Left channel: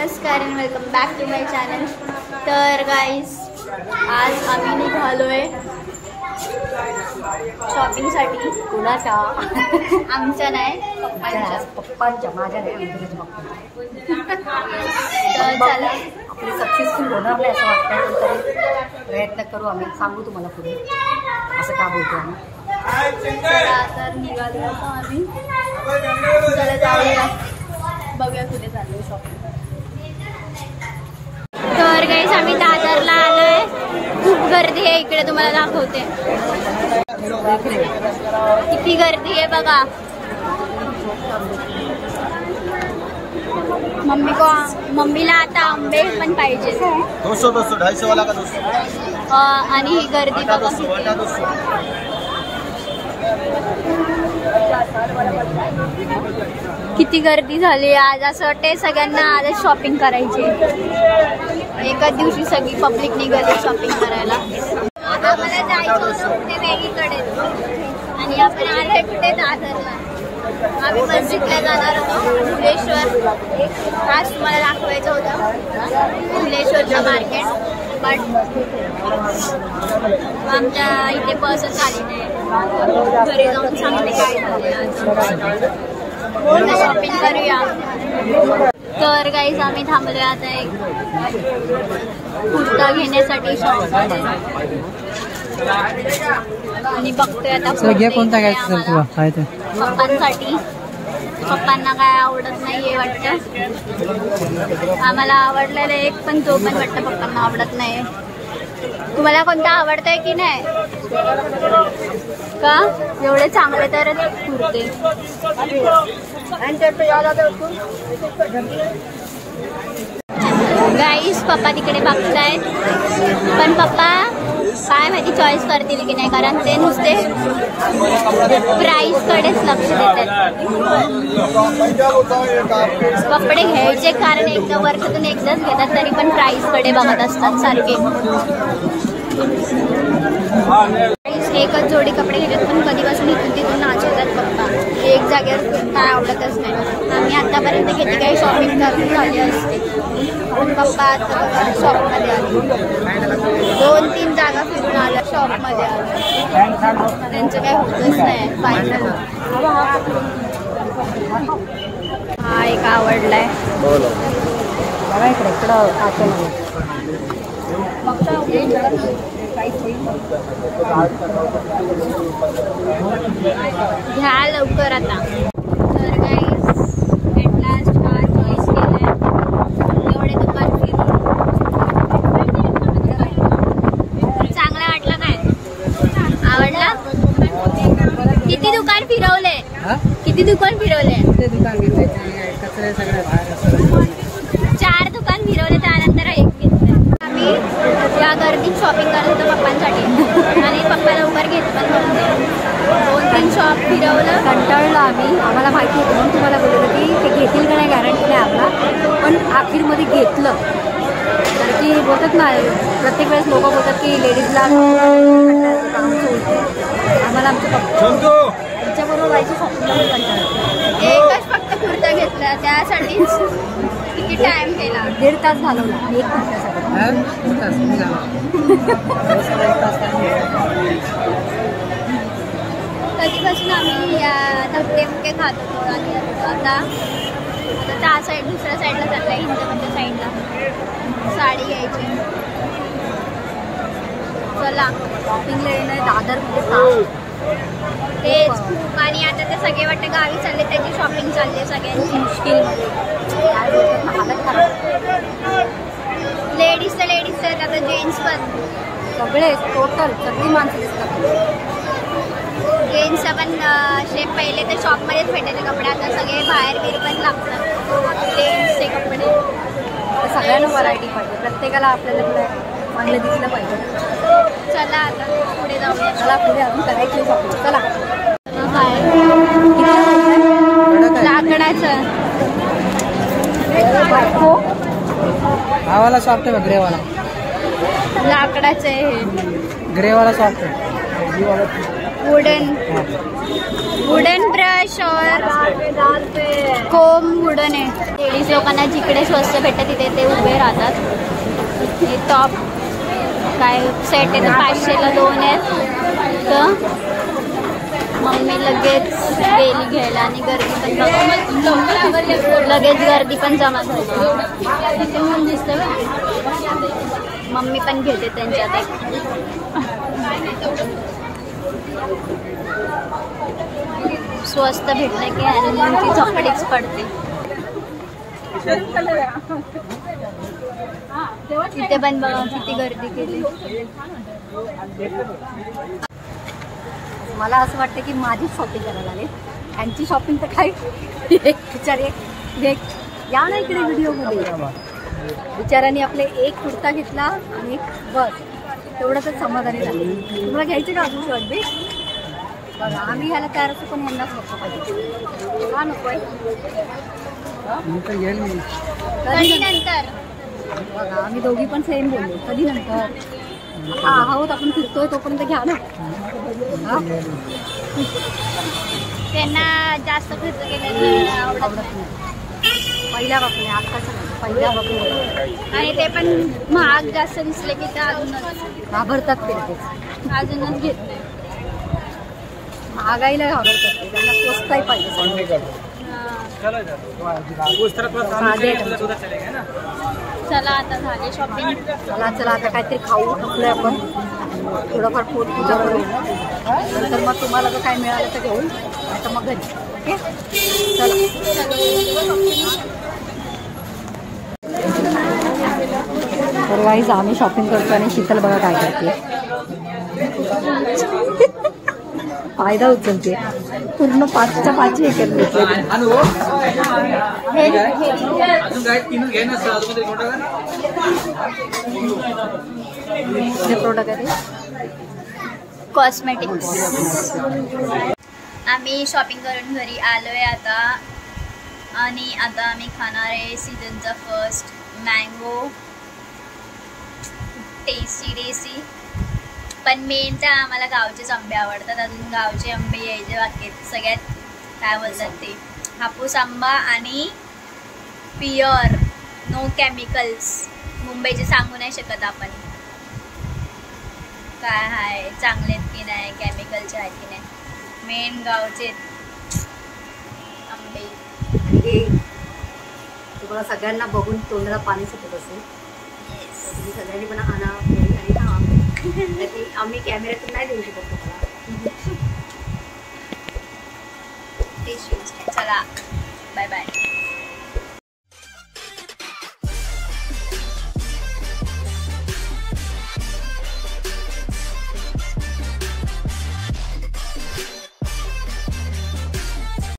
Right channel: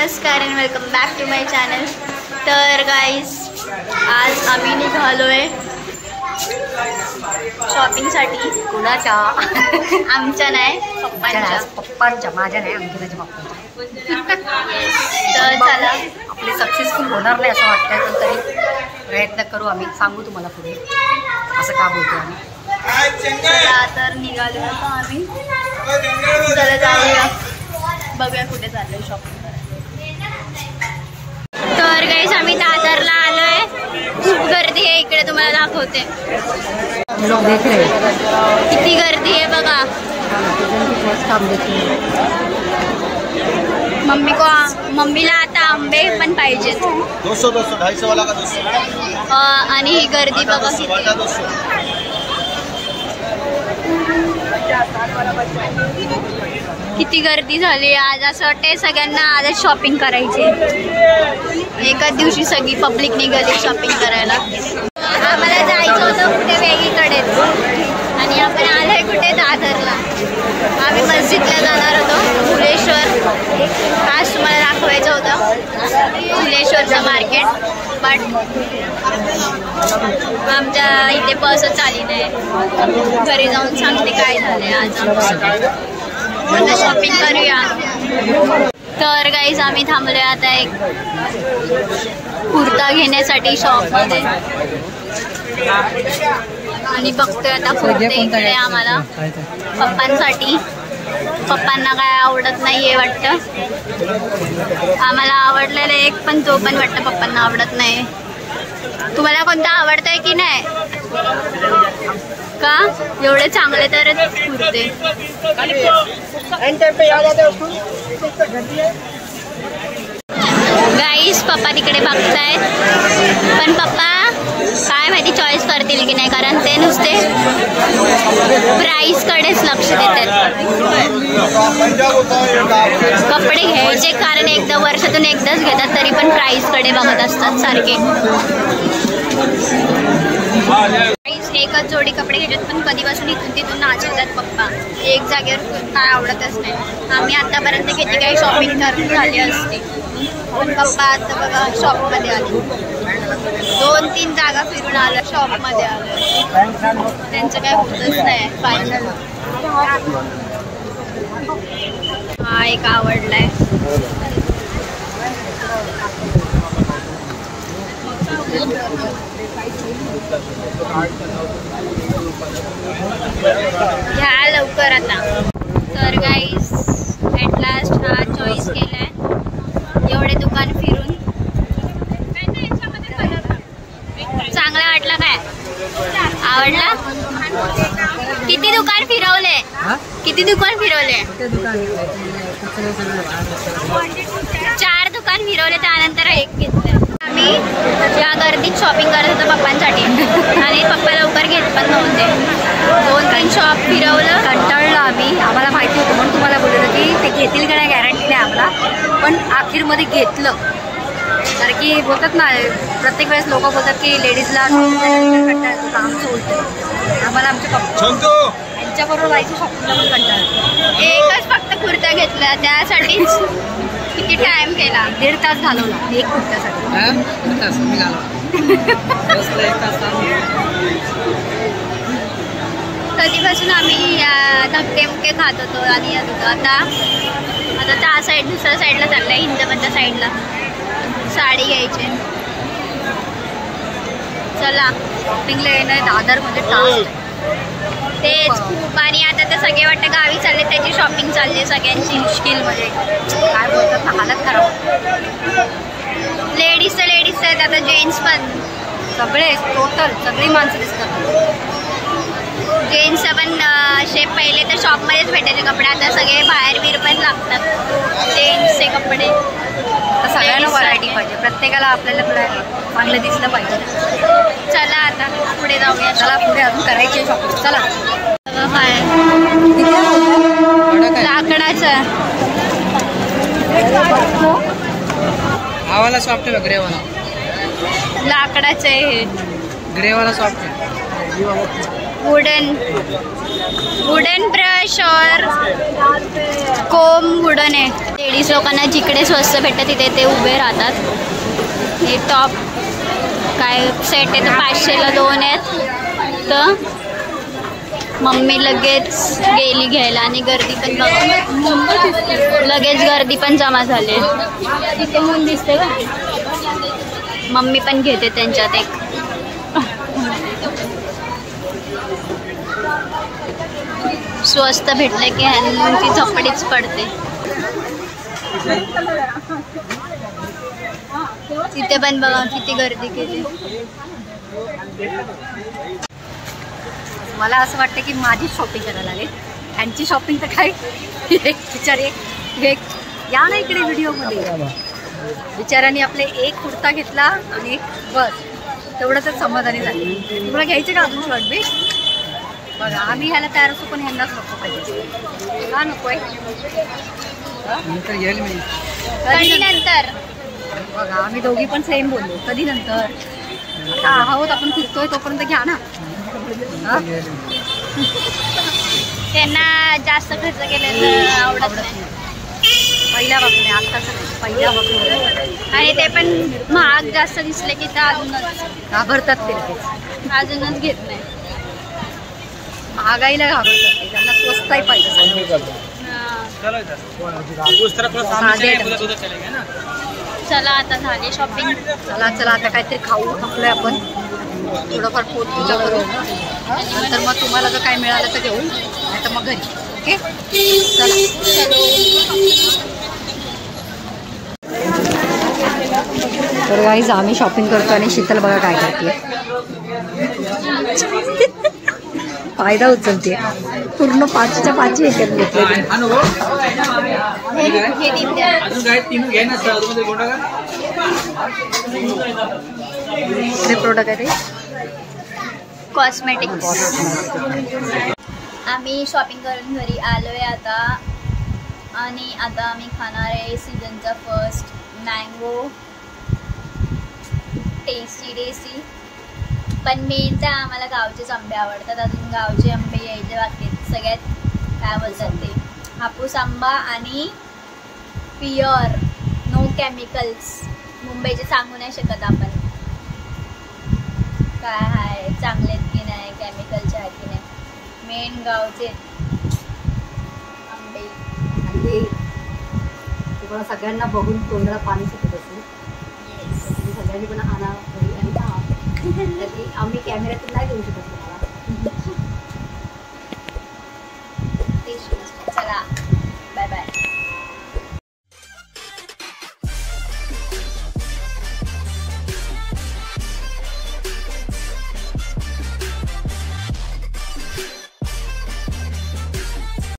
नमस्कार आणि welcome back to my channel. तर गाईज आज आम्ही निघालोय शॉपिंगसाठी। कुणाच्या? आमच्या नाही, पप्पांच्या। माझ्या नाही, आमच्या पप्पांच्या। तर चला, आपले सक्सेसफुल होणार नाही असं वाटतंय, पण तरी प्रयत्न करू आम्ही। सांगू तुम्हाला पुढे असं का बोलतो आम्ही। चला तर निघालो आता आम्ही। चला जाऊया, बघूया कुठे चाललोय शॉपिंग करायला। तर गाईस आम्ही दादरला आलोय। खूप गर्दी आहे इकडे, तुम्हाला दाखवते किती गर्दी आहे बघा। मम्मीला आता आंबे पण पाहिजेत। 200 250 वाला का 200। आणि ही गर्दी बघा किती गर्दी झाली आज। असं वाटतंय सगळ्यांना आजच शॉपिंग करायची। एकाच दिवशी सगळी पब्लिक निघाली शॉपिंग करायला। आम्हाला जायचं होतं कुठे वेगळीकडेच, आणि आपण आलोय कुठे दादरला। आम्ही मस्जिदला जाणार होतो, फुलेश्वर। आज तुम्हाला दाखवायचं होतं फुलेश्वरचं मार्केट, बट आमच्या इथे बसच आली नाही। घरी जाऊन सांगते काय झालंय आज आमचं। आता शॉपिंग करूया। तर गाईज आम्ही थांबलोय आता एक कुर्ता घेण्यासाठी शॉपमध्ये, आणि बघतोय आता कुर्ते इकडे आम्हाला पप्पांसाठी। पप्पांना काय आवडत नाहीये वाटतं। आम्हाला आवडलेलं एक, पण तो पण वाटतं पप्पांना आवडत नाही। तुम्हाला कोणता आवडतंय की नाही का? एवढे चांगले तर कुर्ते। गाईस पप्पा तिकडे बघतायत, पण पप्पा काय माहिती चॉईस करतील की नाही, कारण ते नुसते प्राइस कडेच लक्ष देतात। कपडे घ्यायचे कारण एकदा वर्षातून एकदाच घेतात, तरी पण प्राइस कडे बघत असतात सारखे। एकच जोडी कपडे घेतात, पण कधीपासून इथून तिथून नाचतात पप्पा। एक जागेवर काय आवडतच नाही। आम्ही आतापर्यंत किती काही शॉपिंग करून झाली असते, पण पप्पा आता बघा शॉपमध्ये आले। 2-3 जागा फिरून आलं, शॉपमध्ये आलं, त्यांचं काय होतच नाही फायनल। हा एक आवडलाय। घ्या लवकर आता। तर गाईस ॲट लास्ट हा चॉईस केलाय। एवढे दुकान फिरून चांगला वाटला काय? आवडला? किती दुकान फिरवले? किती दुकान फिरवले? 4 दुकान फिरवले, त्यानंतर एक घेतलंय। आम्ही या गर्दीत शॉपिंग करत होतो पप्पांसाठी, आणि पप्पा लवकर घेत पण नव्हते। 2-3 शॉप फिरवलं, कंटाळलो आम्ही। आम्हाला माहिती होतं म्हणून तुम्हाला बोललं की ते घेतील का नाही गॅरंटी नाही आम्हाला, पण अखेरमध्ये घेतलं। कारण की बोलतात ना, प्रत्येक वेळेस लोक बोलतात की लेडीजला कंटाळा येतो, आमचं उलट। आम्हाला आमच्या पप्पा यांच्याबरोबर जायचं शॉपिंगला पण कंटाळा येतो। एकच फक्त कुर्ता घेतला, त्यासाठीच किती टाइम केला। 1.5 तास घालवला एक कुर्त्यासाठी। कधीपासून आम्ही धक्के खात होतो आणि येत होतो। आता त्या साईड दुसऱ्या साईडला चाललाय, हिंदमधल्या साईडला साडी घ्यायची। चला शॉपिंगला येणं दादरमध्ये टास्क तेच खूप, आणि आता ते सगळे वाटतं गावी चालले, त्याची शॉपिंग चालली सगळ्यांची। मुश्किलमध्ये काय बोलतात ना, हालत खराब। लेडीज तर लेडीज आहेत, आता जेंट्स पण सगळे टोटल सगळी माणसं दिसतात। जेंट्सचं पण शेप पहिले तर शॉपमध्येच भेटायचे कपडे, आता सगळे बाहेर पण लागतात जेंट्सचे कपडे। तर सगळ्यांना व्हरायटी पाहिजे, प्रत्येकाला आपल्याला चांगलं दिसलं पाहिजे। चला आता पुढे जाऊया। चला पुढे अजून करायची शॉपिंग। चला काय लाकडाचं हावाला सॉफ्ट आहे, ग्रेवाला लाकडाचं आहे हे। ग्रेवाला सॉफ्ट आहे। वुडन ब्रश और कोम वुडन है। लेडीज लोकांना जिकडे स्वस्त भेटतं तिथे ते उभे राहतात. हे टॉप काय सेट आहे तर 500ला 2 आहेत. तर मम्मी लगेच गेली घ्यायला आणि गर्दी पण लगेच गर्दी पण जमा झाली. तिथे म्हणून दिसते का मम्मी पण घेते त्यांच्यात एक. स्वस्त भेटलं की ती झपडीच पडते. तिथे पण बघा किती गर्दी केली. मला असं वाटतं की माझी शॉपिंग करायला लागेल. त्यांची शॉपिंग तर काय बिचारे या ना इकडे व्हिडिओमध्ये. बिचारांनी आपले एक कुर्ता घेतला आणि एक बस तेवढं तर समाधानी झाली. तुम्हाला घ्यायचं का अजून शॉर्ट बी? बघा आम्ही ह्याला तयार असतो पण ह्यांनाच नको पाहिजे. का नको आहे? कधी नंतर बघा आम्ही दोघी पण सेम बोललो. कधी नंतर? आता आहोत आपण फिरतोय तोपर्यंत घ्या ना. त्यांना जास्त खर्च केलेलं आवडत नाही. पहिल्यापासून आहे, आत्ताचं नाही, पहिल्यापासून. आणि ते पण महाग जास्त दिसले की ते अजूनच घाबरतात ते लगेच. अजूनच घेत नाही. महागाईला घाबरतात ते. त्यांना स्वस्तही पाहिजे सगळं. साधे आयटम. चला आता झाली शॉपिंग. चला आता काहीतरी खाऊ थकलोय आपण. थोडंफार पोटपूजा करू. नंतर मग तुम्हाला जर काय मिळालं तर घेऊ, नाही तर मग घरी. ओके चला. तर गाईज आम्ही शॉपिंग करतो आणि शीतल बघा काय करते. फायदा उचलते. पूर्ण 5च्या 5 एकच घेतले. प्रोडक्ट आहे ते कॉस्मेटिक्स. आम्ही शॉपिंग करून घरी आलोय आता. आणि आता आम्ही खाणार आहे सीझनचा फर्स्ट मँगो टेस्टी. पण मेन तर आम्हाला गावचेच आंबे आवडतात. अजून गावचे आंबे यायचे बाकी आहेत. सगळ्यात काय बोलतात ते हापूस आंबा आणि प्युअर नो केमिकल्स. मुंबईचे सांगू नाही शकत आपण काय आहे चांगले आहेत की नाही, केमिकलचे आहे की नाही. मेन गावचे आंबे. आणि तुम्हाला सगळ्यांना बघून तोंडाला पाणी सुटत असेल. तुम्ही सगळ्यांनी पण आणा आणि खा. आम्ही कॅमेऱ्यातून नाही देऊ शकत तुम्हाला. चला बाय बाय.